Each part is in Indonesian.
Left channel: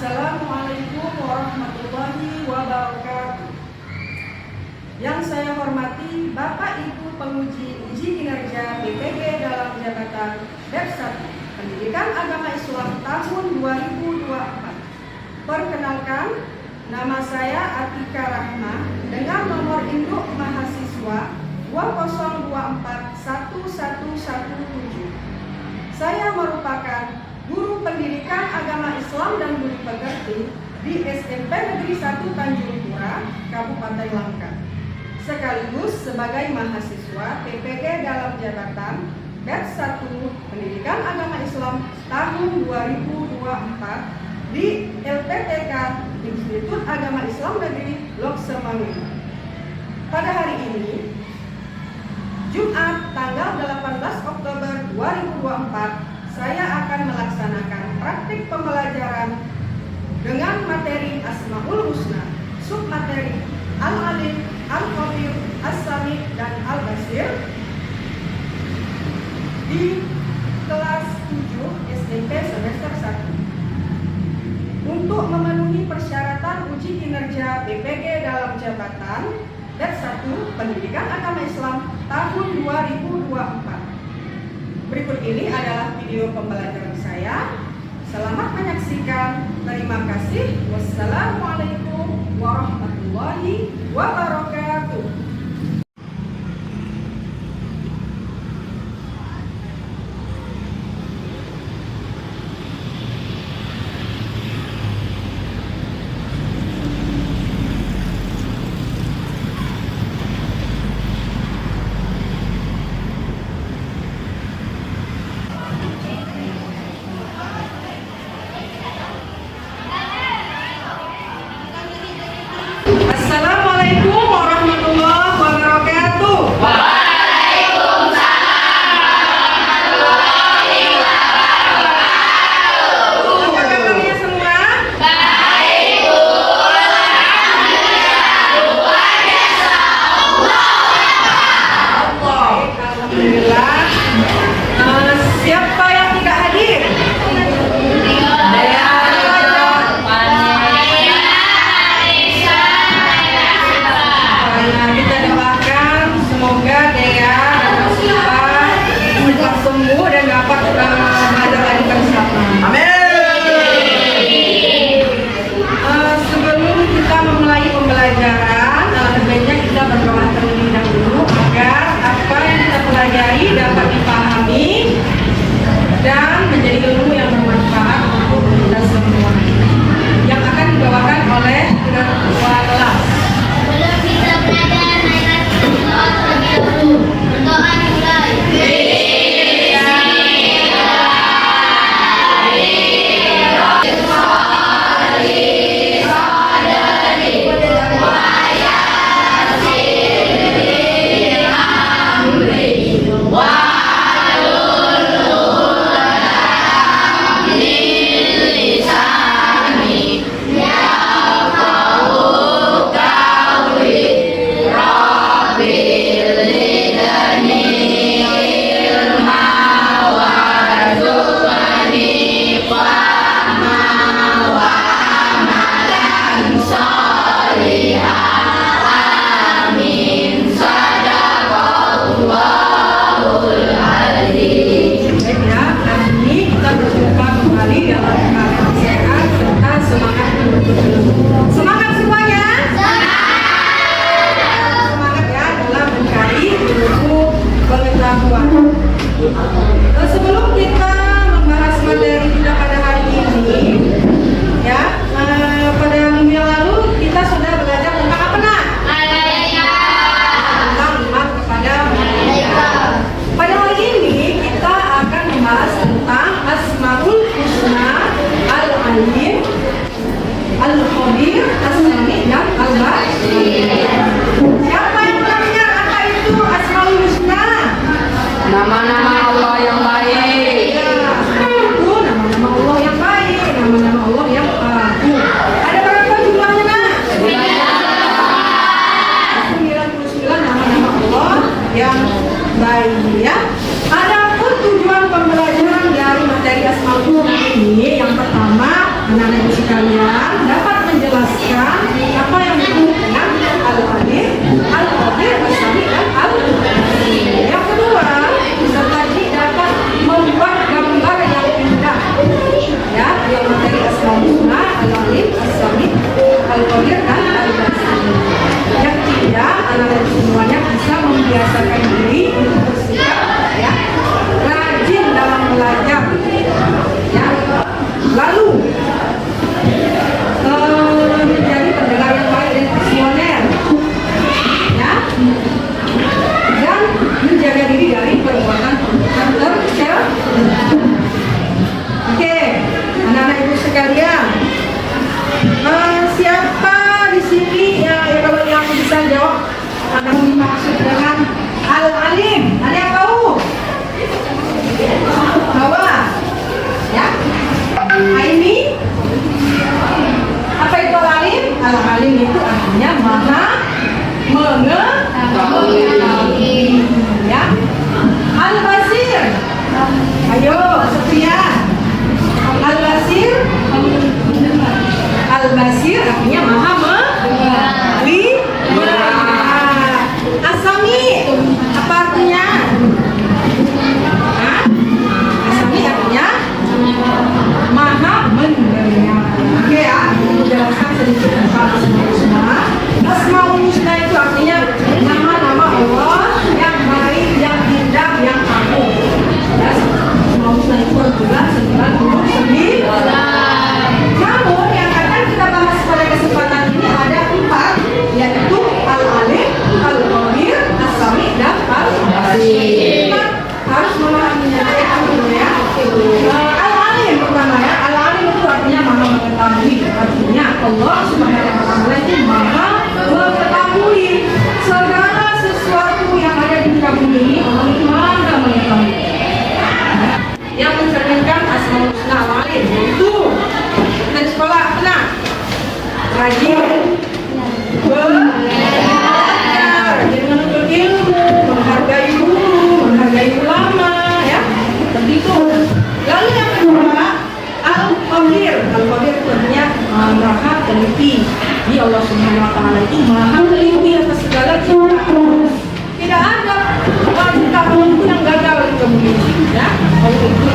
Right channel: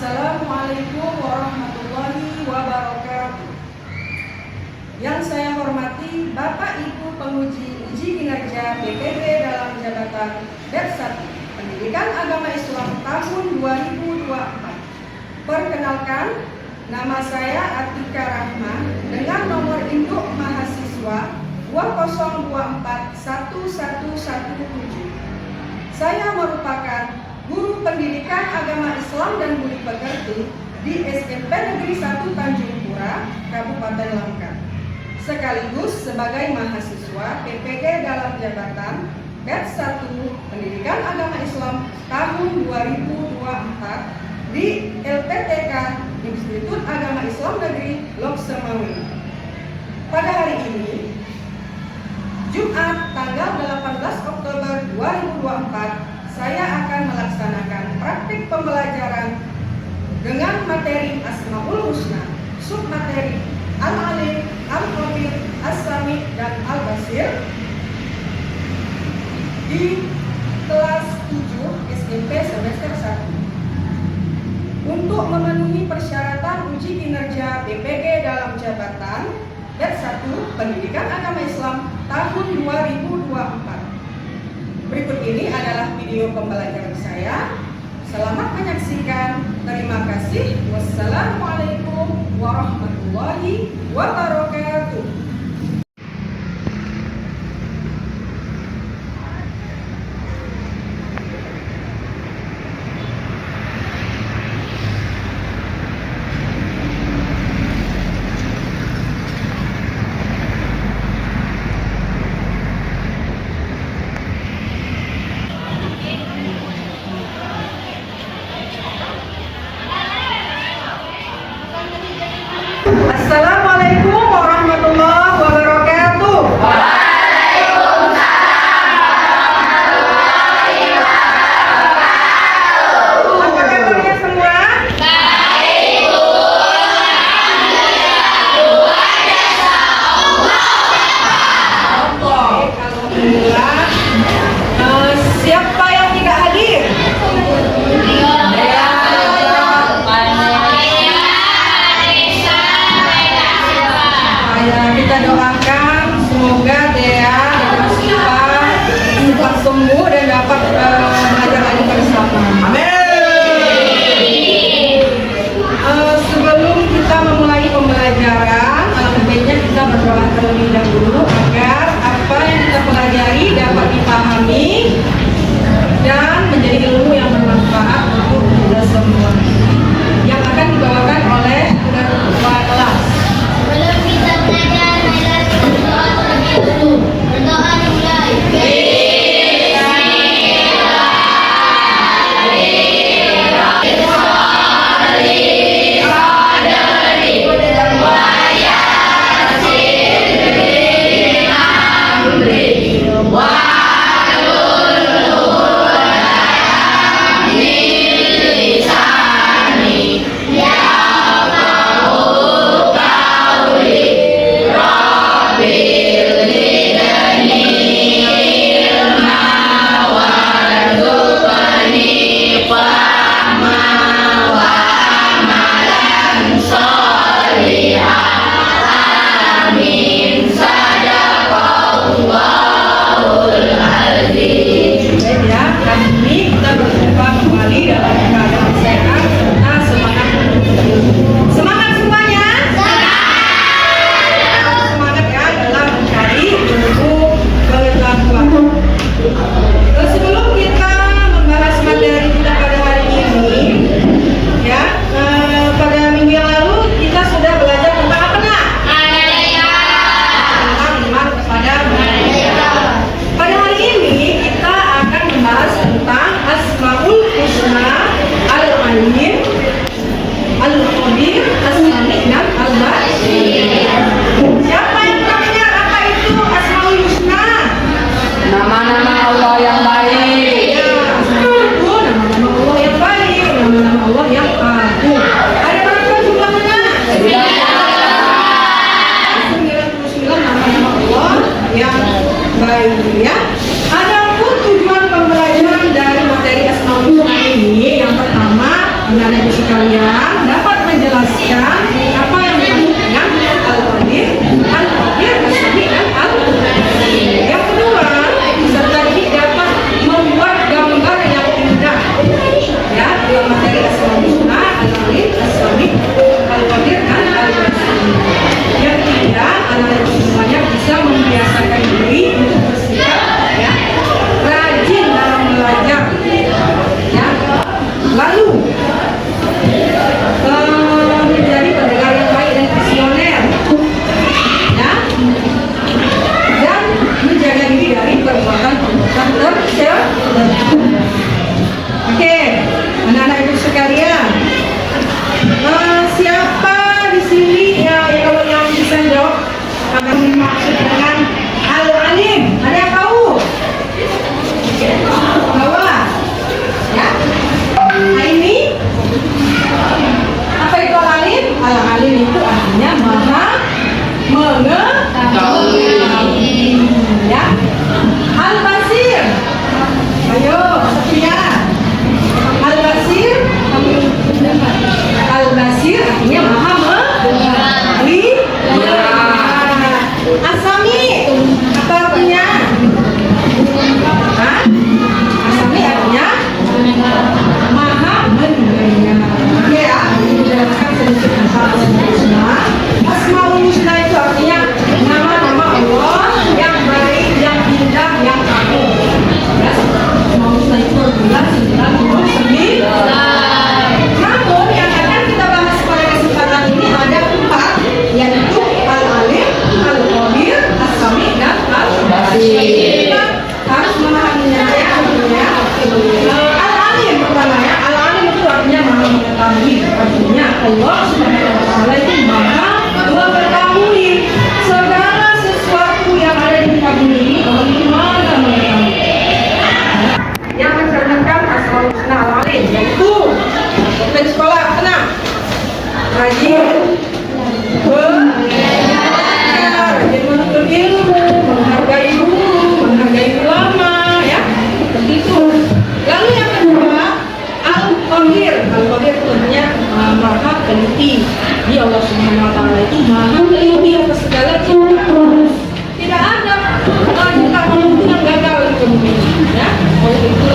Assalamualaikum warahmatullahi wabarakatuh. Yang saya hormati Bapak Ibu penguji uji kinerja BPG dalam jabatan BEP 1 Pendidikan Agama Islam tahun 2024. Perkenalkan, nama saya Atika Rahma dengan nomor induk mahasiswa 2024117. Saya merupakan guru pendidikan agama Islam dan budi pekerti di SMP Negeri 1 Tanjung Pura, Kabupaten Langkat, sekaligus sebagai mahasiswa PPG dalam jabatan BEP 1 Pendidikan Agama Islam tahun 2024 di LPTK Institut Agama Islam Negeri Lok Semawe. Pada hari ini, Jumat tanggal 18 Oktober 2024, saya akan melaksanakan praktik pembelajaran dengan materi Asmaul Husna, submateri Al-Alim, Al-Khabir, As-Sami, dan Al-Basir di kelas 7 SMP semester 1. Untuk memenuhi persyaratan uji kinerja BPG dalam jabatan BEP 1 Pendidikan Agama Islam tahun 2024. Berikut ini adalah video pembelajaran saya. Selamat menyaksikan. Terima kasih. Wassalamualaikum warahmatullahi wabarakatuh. Assalamualaikum sekalian dapat menjelaskan apa yang dimaksud dengan Al-Alim, Al-Qadir, As-Sami, dan Al-Basir. Yang kedua, peserta didik dapat membuat gambar yang indah. Ya, yang materi Asmaul Husna, Al-Alim, As-Sami, Al-Qadir, dan Al-Basir. Yang ketiga, anak-anak semuanya bisa membiasakan diri untuk bersikap ya rajin dalam belajar. Ya, lalu menjadi pendengar yang baik dan visioner, ya, dan menjaga diri dari perbuatan-perbuatan tercela. Oke, anak-anak ibu sekalian, siapa di sini ya kalau yang bisa jawab akan dimaksud dengan Al-Alim? Ada yang tahu? Bahwa ya, ini apa itu Al-Alim? Al-Alim itu artinya maha mengetahui. Ya. Al-Basir. Ayo, Sofia. Al-Basir. Al-Basir artinya maha mengetahui. As-Sami apa artinya? Hah? As-Sami artinya maha mendengar. Oke ya, jelaskan sedikit tentang Asmaul Husna. Asmaul Husna itu artinya nama-nama Allah yang baik, yang indah, yang agung. Ya, Asmaul Husna itu berbulan 99. Namun yang akan kita bahas pada kesempatan ini ada 4, yaitu Al-Alim, Al-Qadir, As-Sami, dan Al-Basir. Kita harus memahaminya ya. Al-Alim pertama ya, Al-Alim itu artinya maha mengetahui. Artinya Allah Subhanahu wa Ta'ala itu maha mengetahui segala sesuatu yang ada di muka bumi ini. Allah itu maha mengetahui. Yang mencerminkan Asmaul Husna Al-Alim yaitu dari sekolah tenang, rajin belajar, rajin menuntut ilmu, menghargai guru, menghargai ulama, ya, begitu. Lalu yang kedua, Al-Qadir. Al-Qadir itu artinya maha teliti. Di Allah Subhanahu wa Ta'ala itu maha teliti atas segala ciptaan. Tidak ada ciptaan itu yang gagal di bumi ini, ya. Allah itu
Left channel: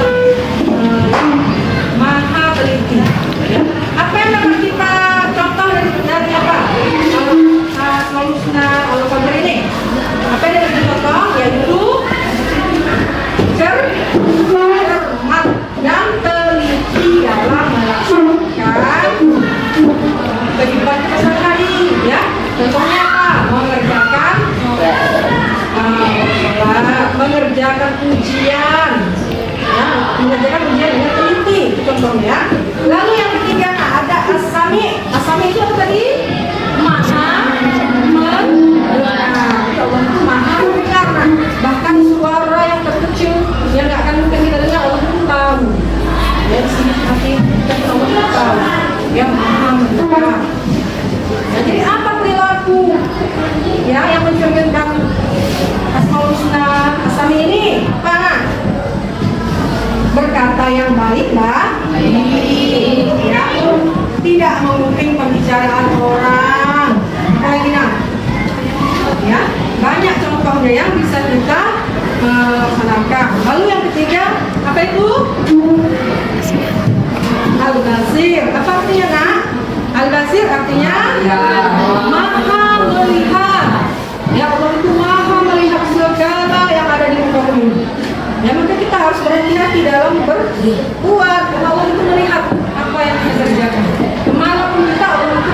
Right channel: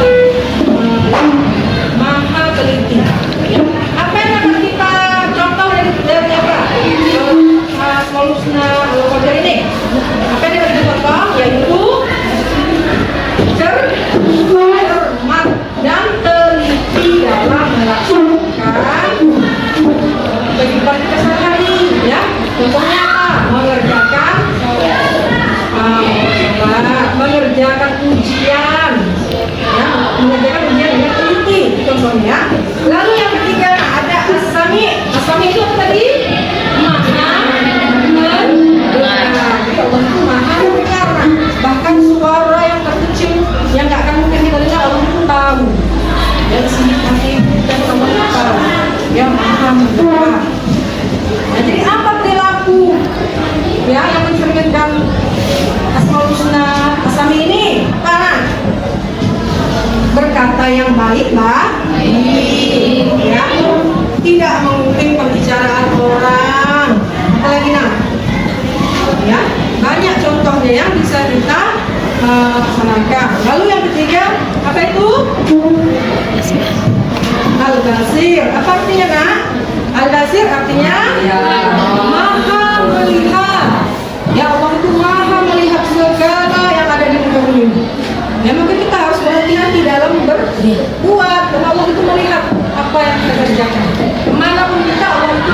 yang maha teliti. Ya. Apa yang dapat kita contoh dari apa? Asmaul Husna Al-Qadir ini. Apa yang dapat kita contoh? Yaitu cermat dan teliti dalam melaksanakan kehidupan kita sehari-hari, ya. Contohnya apa? Mengerjakan sholat, mengerjakan ujian, ya, mengerjakan ujian dengan teliti, contohnya. Lalu yang ketiga ada As-Sami. As-Sami itu apa tadi? Maha mendengar. Jadi Allah itu maha mendengar. Bahkan suara yang terkecil yang nggak akan mungkin kita dengar Allah itu tahu. Dari sini hati dan Allah itu tahu. Yang maha mendengar. Nah, jadi apa perilaku ya yang mencerminkan Asmaul Husna As-Sami ini? Apa? Berkata yang baik, Mbak. Ya. Tidak menguping pembicaraan orang. Apalagi nah? Ya, banyak contohnya yang bisa kita laksanakan. Lalu yang ketiga, apa itu? Al-Basir. Apa artinya, Nak? Al-Basir artinya maha melihat. Ya, Allah itu maha melihat segala yang ada di muka bumi. Ya, maka kita harus berhati-hati dalam berbuat. Allah itu melihat apa yang kita kerjakan. Kemanapun kita, Allah itu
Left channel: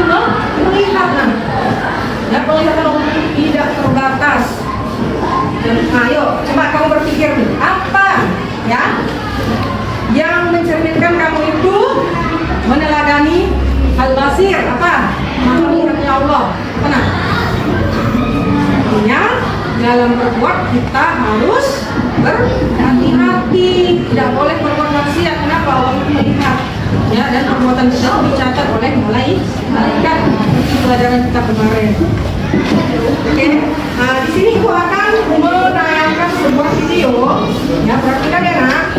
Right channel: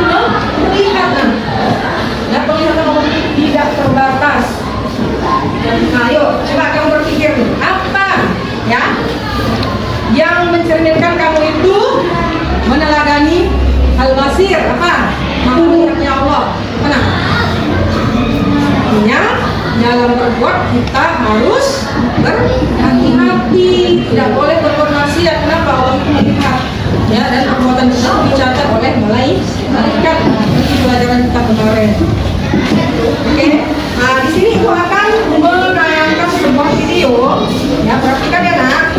melihat. Ya, penglihatan Allah itu tidak terbatas. Nah, ayo, coba kamu berpikir apa ya yang mencerminkan kamu itu meneladani Al-Basir. Apa? Maha melihatnya Allah. Mana? Artinya dalam berbuat kita harus berhati-hati, tidak boleh berbuat maksiat. Kenapa? Allah itu melihat, ya, dan perbuatan kita itu dicatat oleh malaikat. Itu pelajaran kita kemarin. Oke, nah di sini Ibu akan menayangkan sebuah video, ya, perhatikan ya, Nak.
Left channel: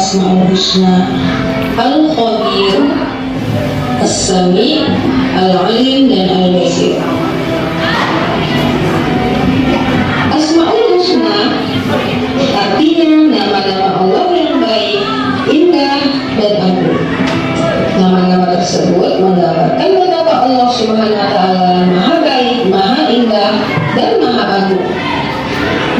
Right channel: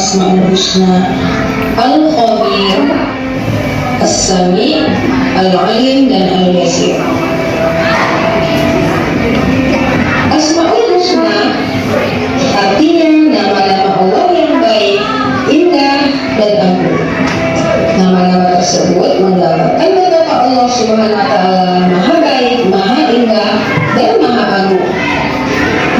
Asmaul Husna, Al-Khabir, As-Sami, Al-Alim, dan Al-Basir. Asmaul Husna artinya nama-nama Allah yang baik, indah, dan agung. Nama-nama tersebut menggambarkan betapa Allah Subhanahu wa Ta'ala Maha baik, Maha indah, dan Maha agung.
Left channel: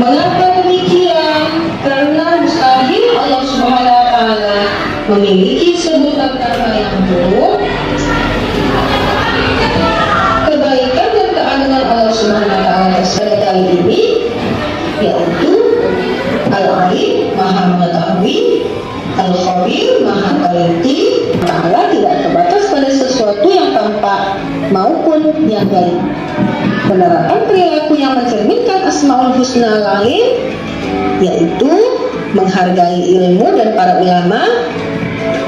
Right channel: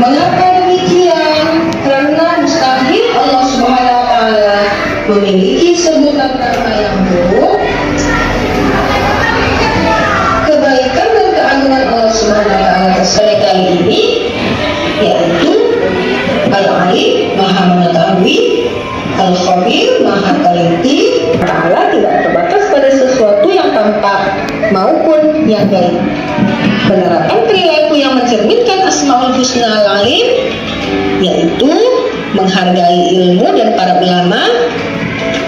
Mengapa demikian? Karena mustahil Allah Subhanahu wa Ta'ala memiliki sebutan nama yang buruk. Kebaikan dan keagungan Allah Subhanahu wa Ta'ala terserah kali ini yaitu Al-Alim, Maha mengetahui, Al-Khabir, Maha teliti. Allah tidak terbatas pada sesuatu yang tampak maupun yang gaib. Penerapan perilaku yang mencerminkan Asmaul Husna Al-Alim yaitu menghargai ilmu dan para ulama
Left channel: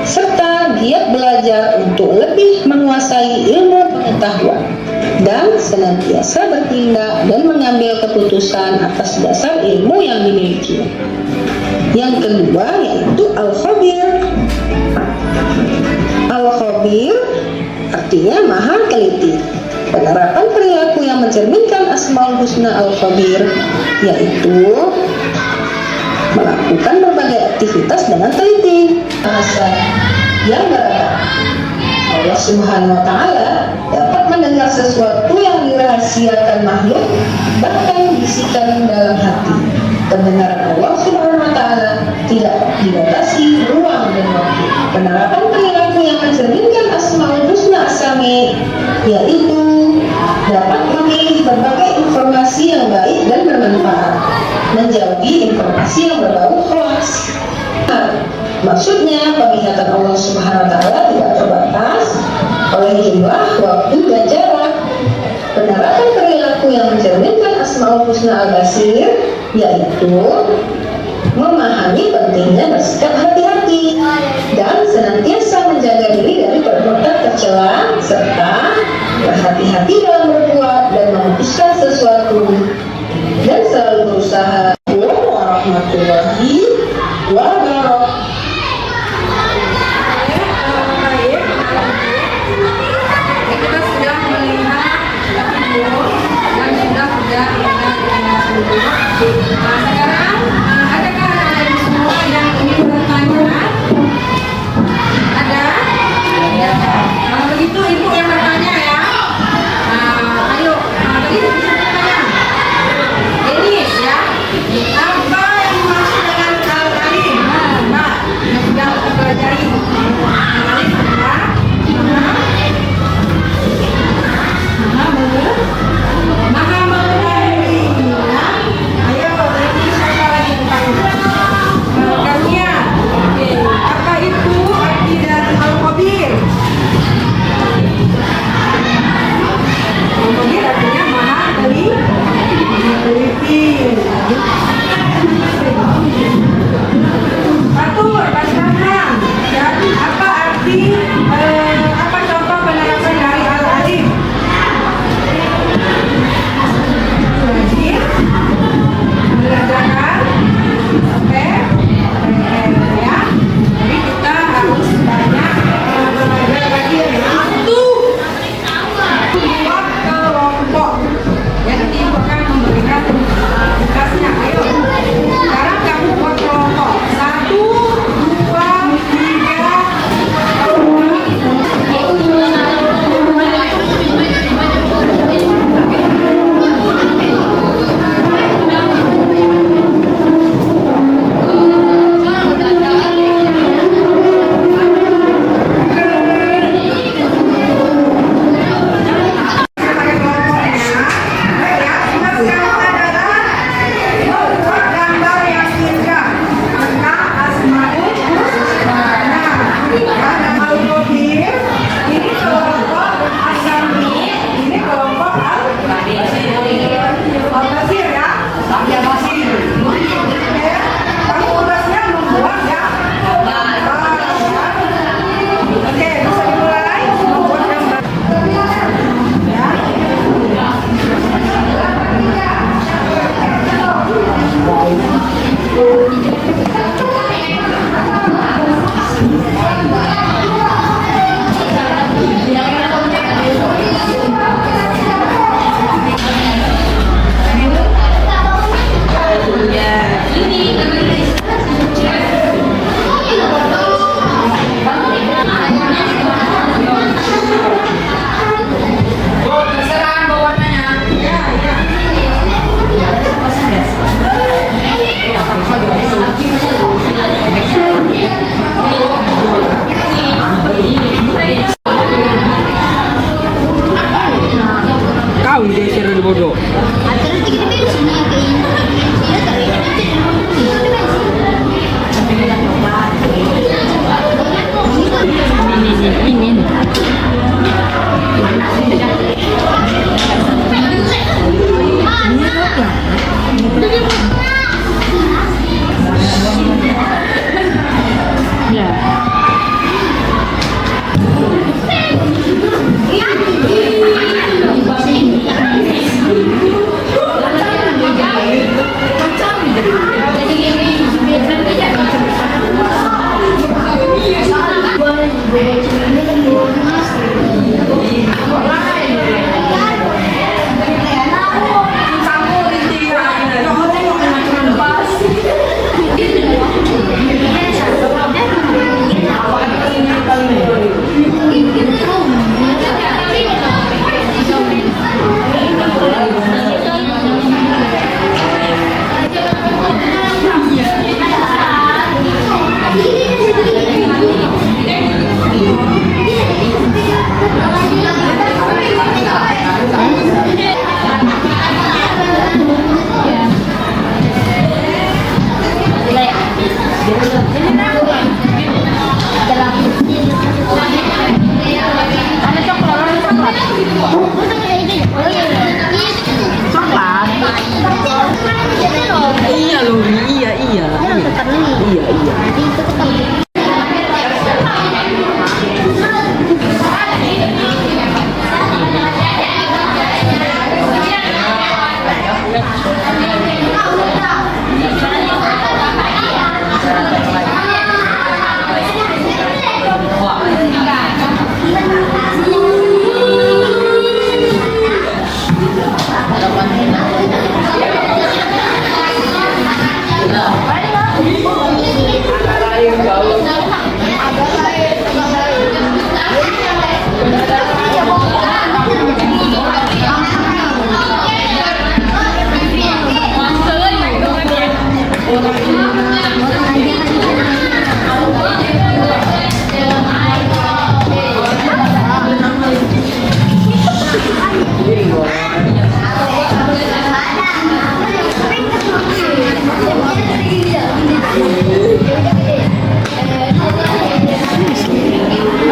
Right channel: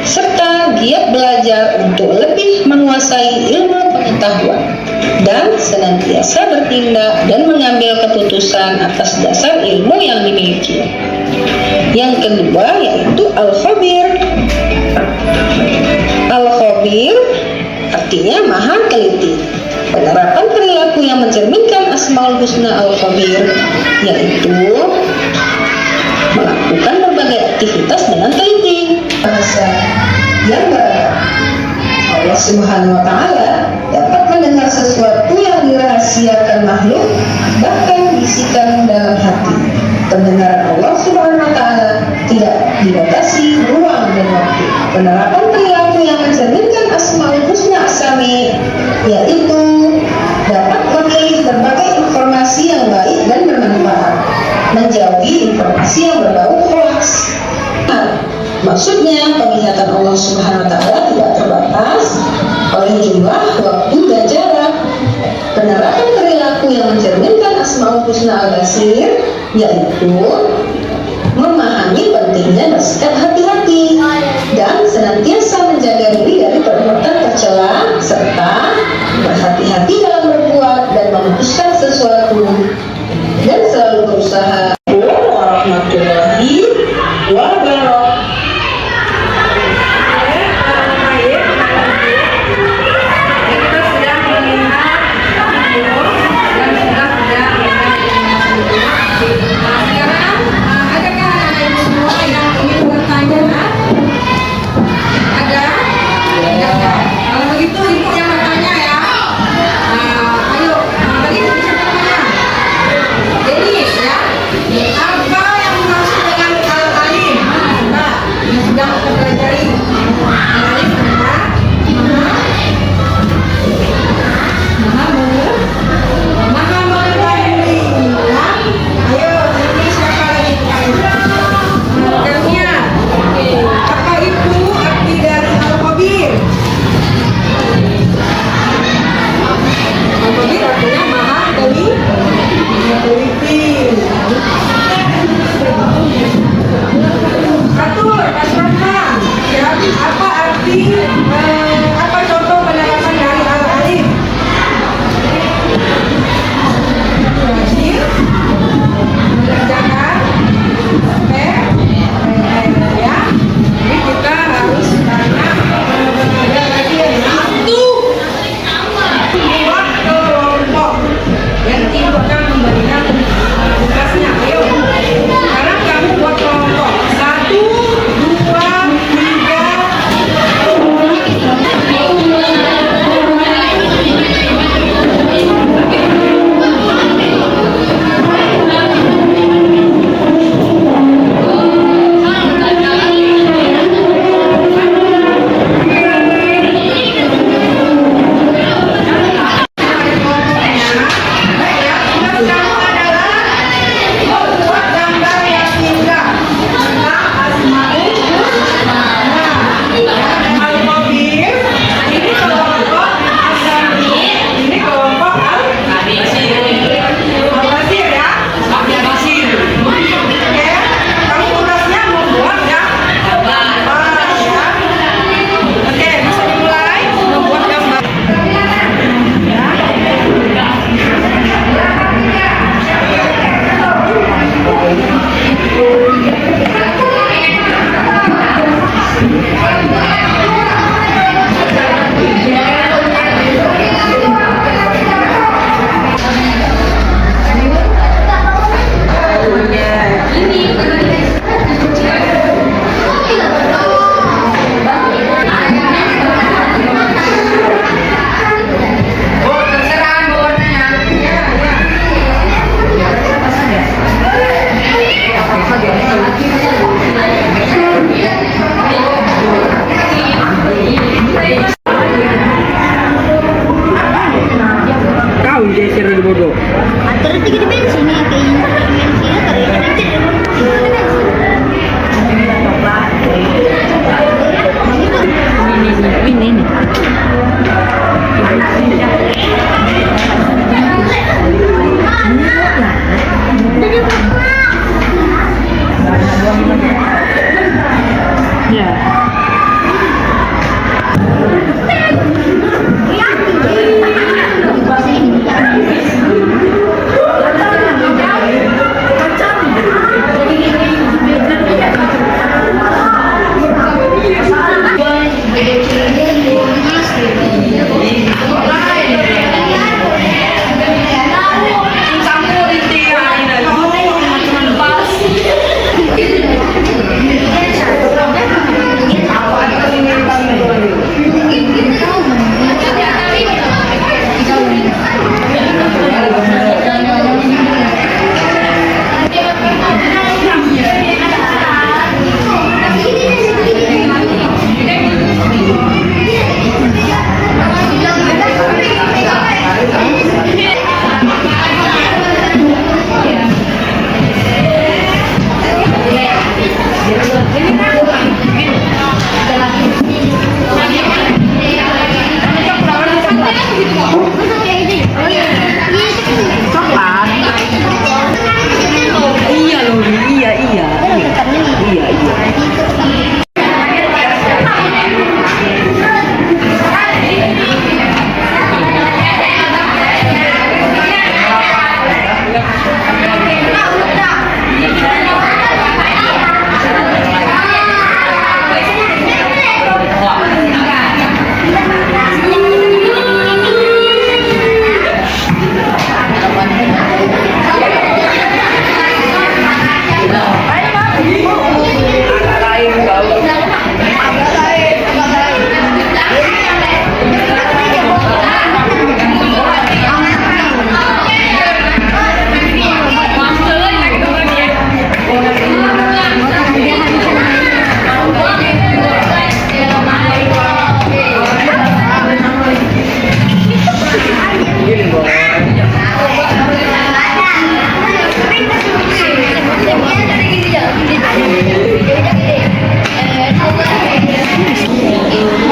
serta giat belajar untuk lebih menguasai ilmu pengetahuan dan senantiasa bertindak dan mengambil keputusan atas dasar ilmu yang dimiliki. Yang kedua yaitu Al-Khabir. Al-Khabir artinya Maha teliti. Penerapan perilaku yang mencerminkan Asmaul Husna Al-Khabir yaitu melakukan berbagai aktivitas dengan teliti. Bahasa yang beragam. Allah Subhanahu wa Ta'ala dapat mendengar sesuatu yang dirahasiakan makhluk, bahkan bisikan dalam hati. Pendengaran Allah Subhanahu wa Ta'ala tidak dibatasi ruang dan waktu. Penerapan perilaku yang mencerminkan Asmaul Husna As-Sami yaitu dapat memilih berbagai informasi yang baik dan bermanfaat, menjauhi informasi yang berbau hoaks. Maksudnya penglihatan Allah Subhanahu wa Ta'ala tidak terbatas oleh jumlah, waktu, dan jarak. Penerapan perilaku yang mencerminkan Asmaul Husna Al-Basir yaitu memahami pentingnya bersikap hati-hati dan senantiasa menjaga diri dari perbuatan tercela serta berhati-hati dalam berbuat dan memutuskan sesuatu dan selalu berusaha. Warahmatullahi wabarakatuh. Kita sudah melihat video dan sudah Nah, sekarang adakah ada semua yang ingin bertanya?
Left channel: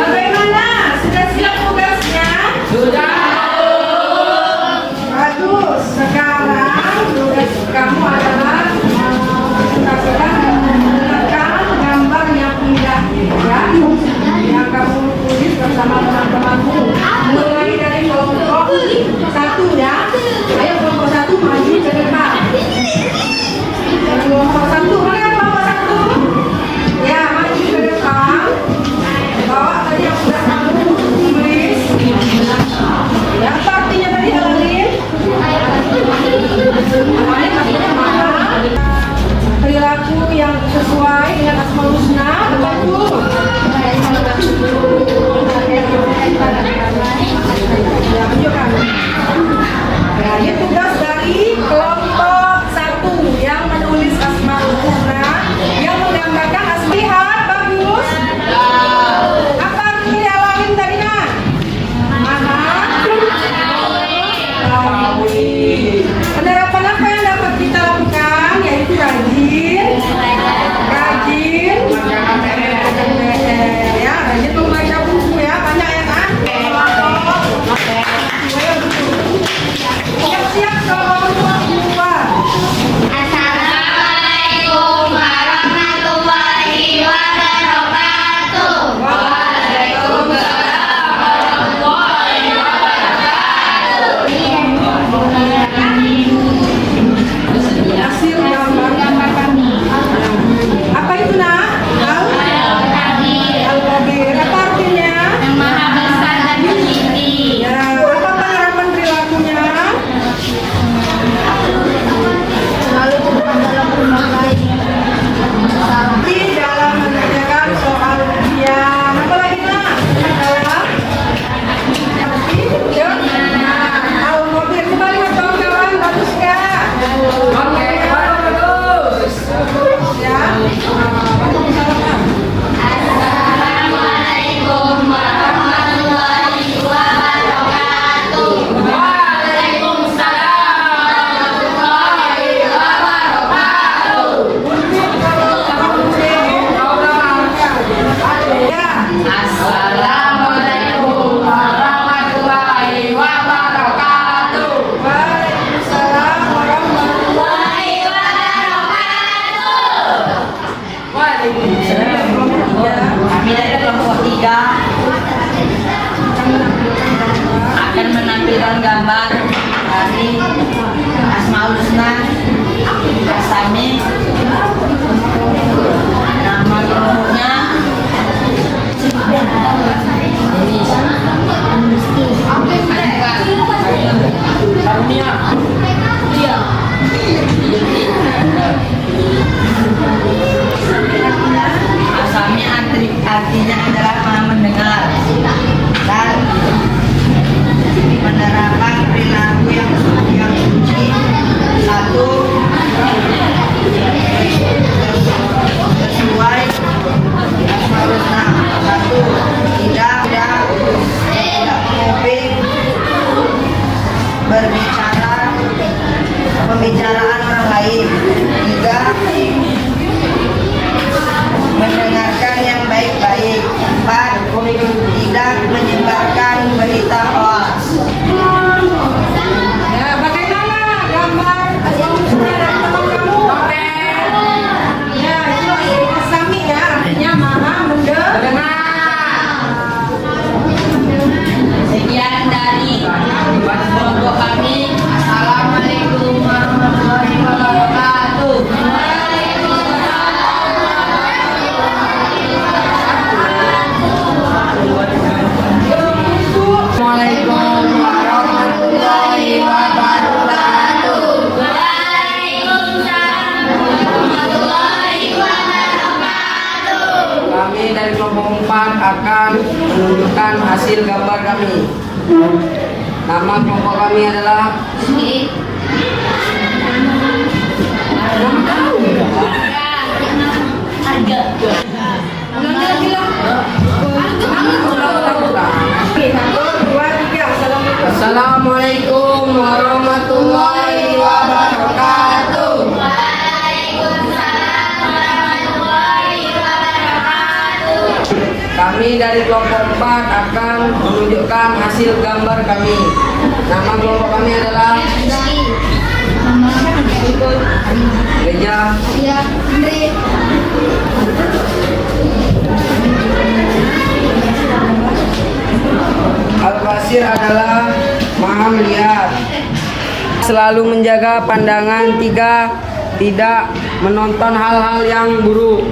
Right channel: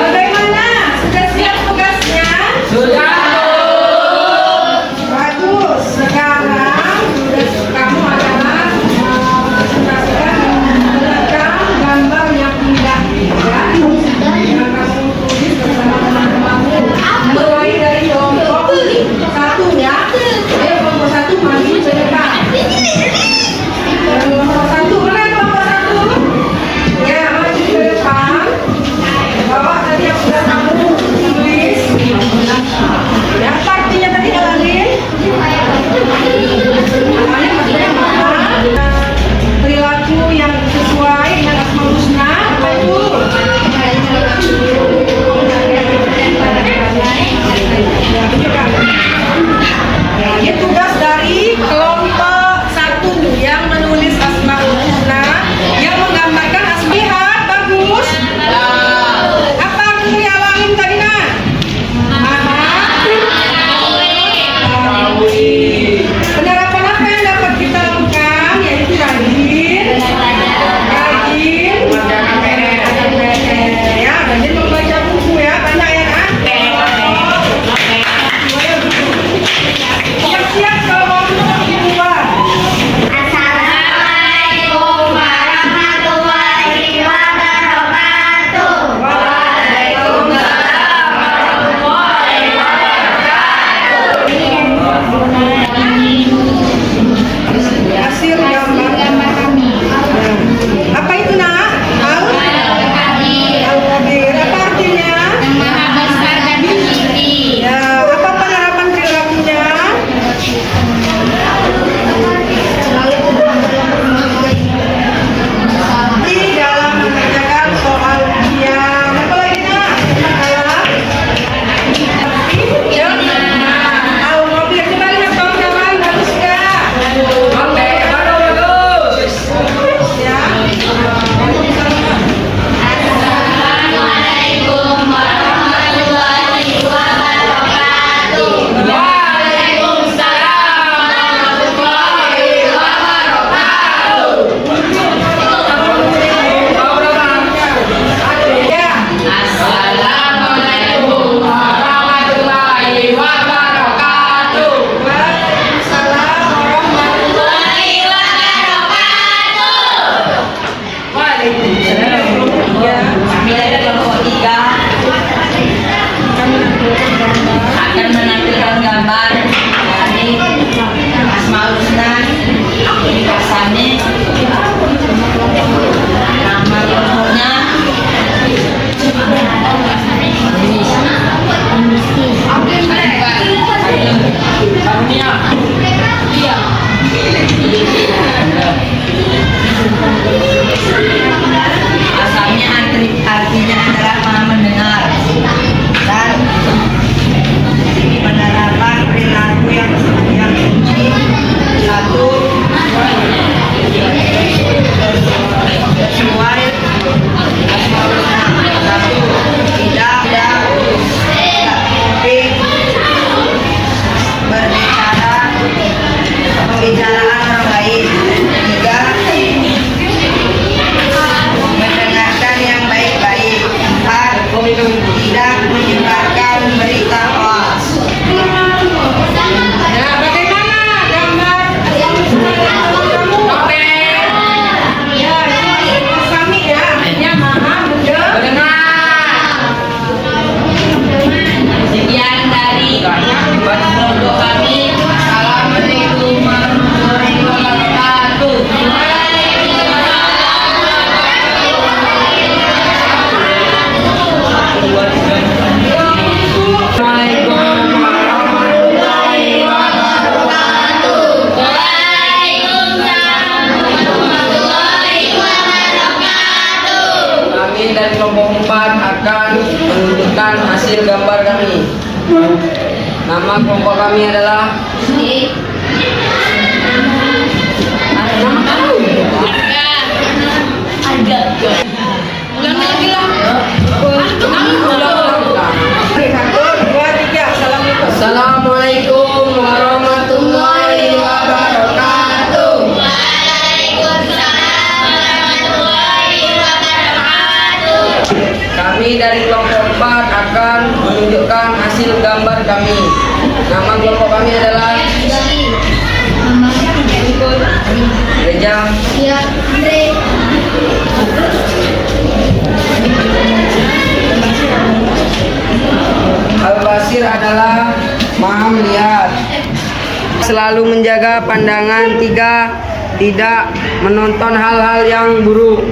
Bagaimana? Sudah siap tugasnya? Sudah. Bagus. Sekarang tugas kamu adalah menentukan gambar yang indah, ya. Yang kamu tulis bersama teman-temanmu. Mulai dari kelompok 1 ya. Ayo kelompok 1 maju ke depan. Kelompok 1, mana kelompok 1? Ya, maju ke depan. Bawa tadi yang sudah kamu tulis. Ya, apa artinya tadi Alalin? Alalin maksudnya mana? Perilaku yang sesuai dengan Asmaul Husna, apa itu? Ya, tunjukkan. Ini tugas dari kelompok 1 yang menulis Asmaul Husna, yang menggambarkan asmihat. Bagus. Apa arti Alalin tadi nak? Penerapan apa yang dapat kita lakukan, yaitu rajin, ya, rajin membaca buku ya, banyak ya kan? Siap-siap kalau mau keluar. Assalamualaikum warahmatullahi wabarakatuh. Hasil gambar kami. Apa itu nak? Al-Qadir. Apa artinya? Yang maha besar dan tinggi. Ya, apa penerapan perilakunya? Selalu tepat dalam berbagai masalah. Di dalam mengerjakan soal ujian. Apa lagi nak? Makalah. Al-Qadir. Coba lihat kawan-kawan, bagus nggak? Bagus. Ya. Assalamualaikum warahmatullahi wabarakatuh. Waalaikumsalam warahmatullahi wabarakatuh. Ya. Assalamualaikum warahmatullahi wabarakatuh. Waalaikumsalam warahmatullahi Waalaikumsalam. Ya. Kami dari kelompok 3 akan menampilkan gambar dari Asmaul Husna, Asami, nama lengkapnya, tidak menyebarkan berita hoax. Nah, bagaimana gambar asal usul kamu? Oke. Ya, itu sami ya, artinya maha mendengar. Sekian dari kelompok kami. Assalamualaikum warahmatullahi wabarakatuh. Assalamualaikum warahmatullahi wabarakatuh. Kami dari kelompok 4 akan menunjukkan hasil gambar kami. Nama kelompok kami adalah Assalamualaikum warahmatullahi wabarakatuh. Kami dari kelompok 4 akan menunjukkan hasil gambar kami. Nama kelompok kami adalah Gereja Al-Basir adalah Maha Melihat. Selalu menjaga pandangan 3, tidak menonton hal-hal yang buruk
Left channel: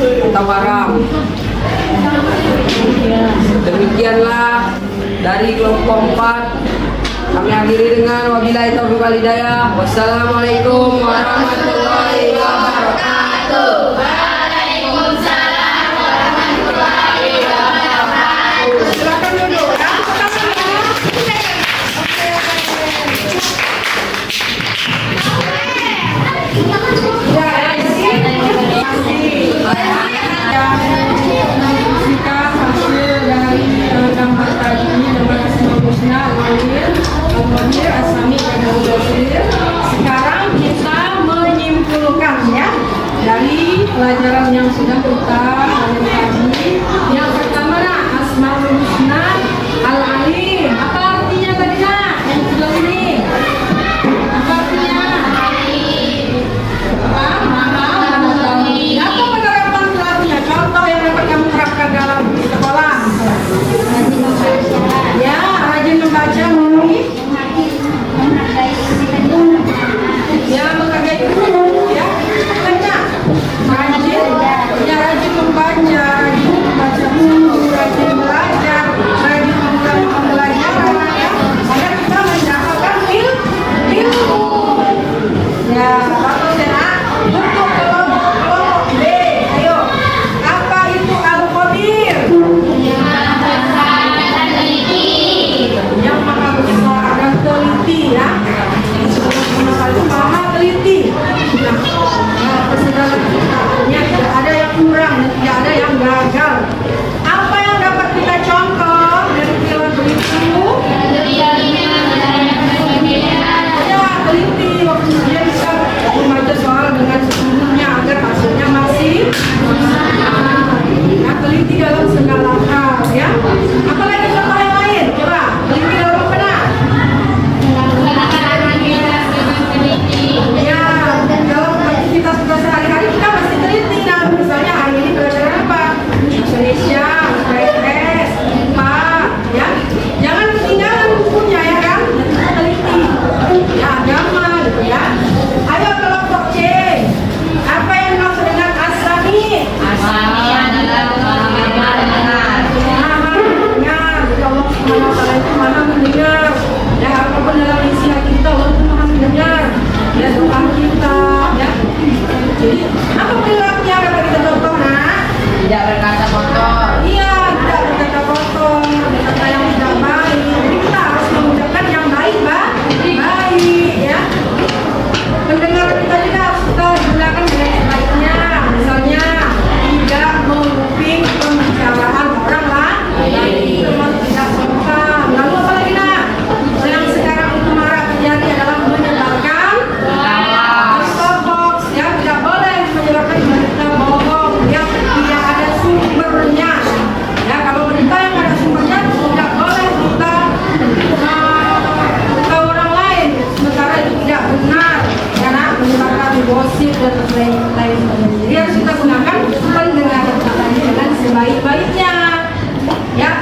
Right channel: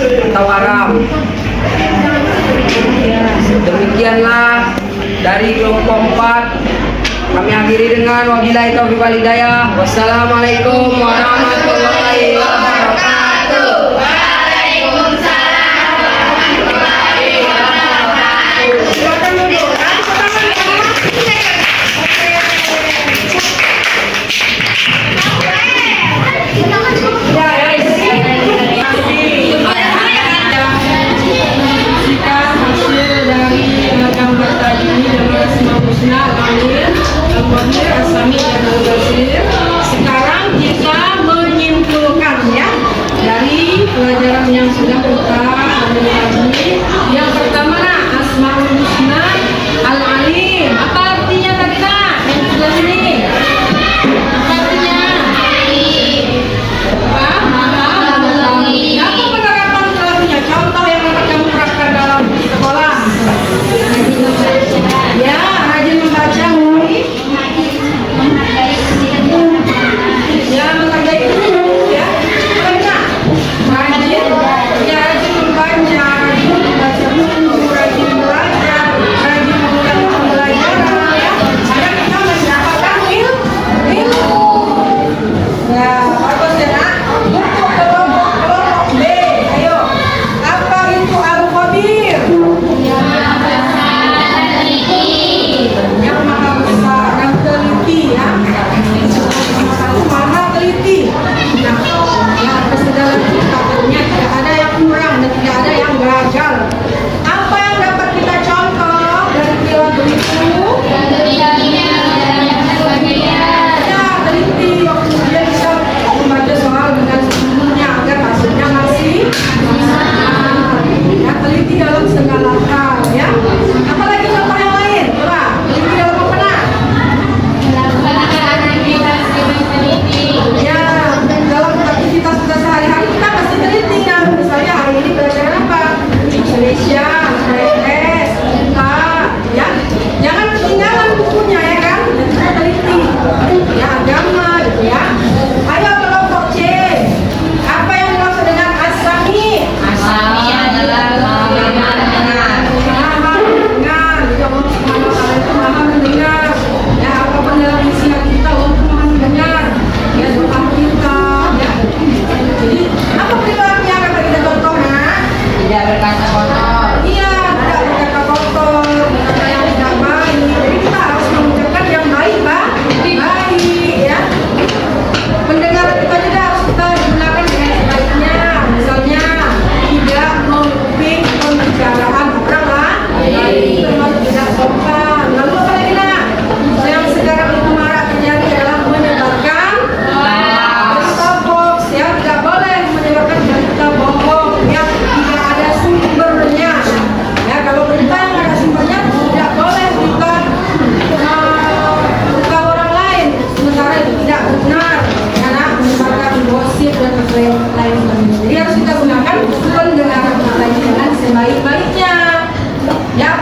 atau haram. Demikianlah dari kelompok 4. Kami akhiri dengan wabillahi taufiq wal hidayah. Wassalamualaikum warahmatullahi wabarakatuh. Silakan duduk. Gambar tadi dengan Asmaul Husna Al-Mu'min, Al-Mu'min, As-Sami dan Al-Basir. Sekarang kita menyimpulkan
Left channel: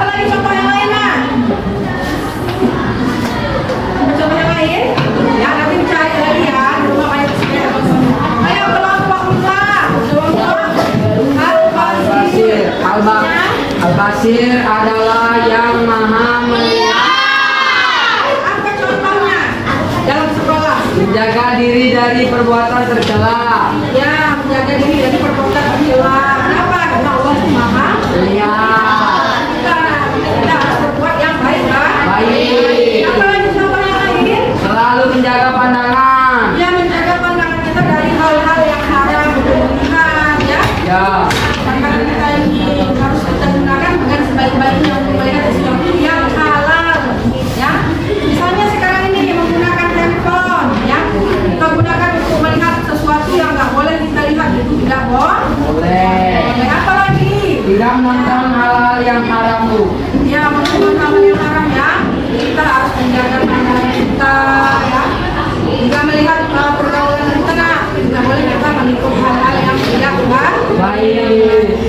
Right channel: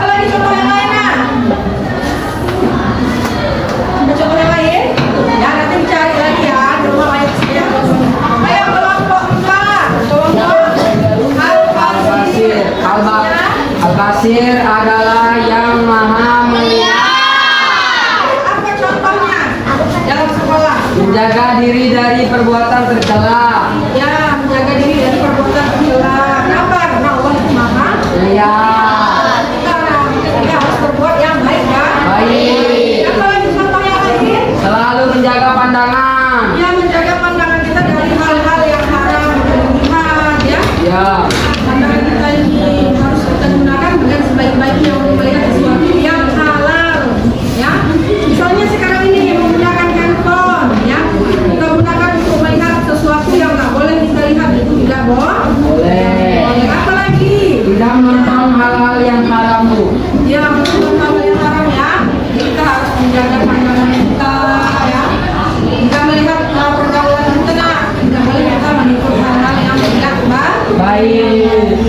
lagi contoh yang lain, nah? Contoh yang lain? Ya, nanti dicari lagi ya. Coba ayat sekian. Ayo, kelompok 4. Kelompok Al-Basir. Al-Basir adalah yang maha melihat. Apa contohnya dalam sekolah? Menjaga diri dari perbuatan tercela. Ya, menjaga diri dari perbuatan tercela. Kenapa? Karena Allah itu maha Lihat. kita harus berbuat yang baik, kan? Baik. Apa lagi contoh yang lain? Selalu menjaga pandangan. Ya, menjaga pandangan kita dari hal-hal yang haram untuk dilihat, ya. Ya. Pandangan kita ini harus kita gunakan dengan sebaik-baiknya untuk melihat sesuatu yang halal, ya. Misalnya sekarang ini menggunakan handphone, ya. Kita gunakan untuk melihat sesuatu yang nggak boleh kita lihat, itu tidak Boleh. boleh. Apa lagi? Tidak menonton hal-hal yang haram, Bu. Ya, menonton hal yang haram, ya. Kita harus menjaga pandangan kita, ya. Jika melihat pergaulan kita, tidak boleh kita mengikuti hal-hal yang tidak baik. Baik.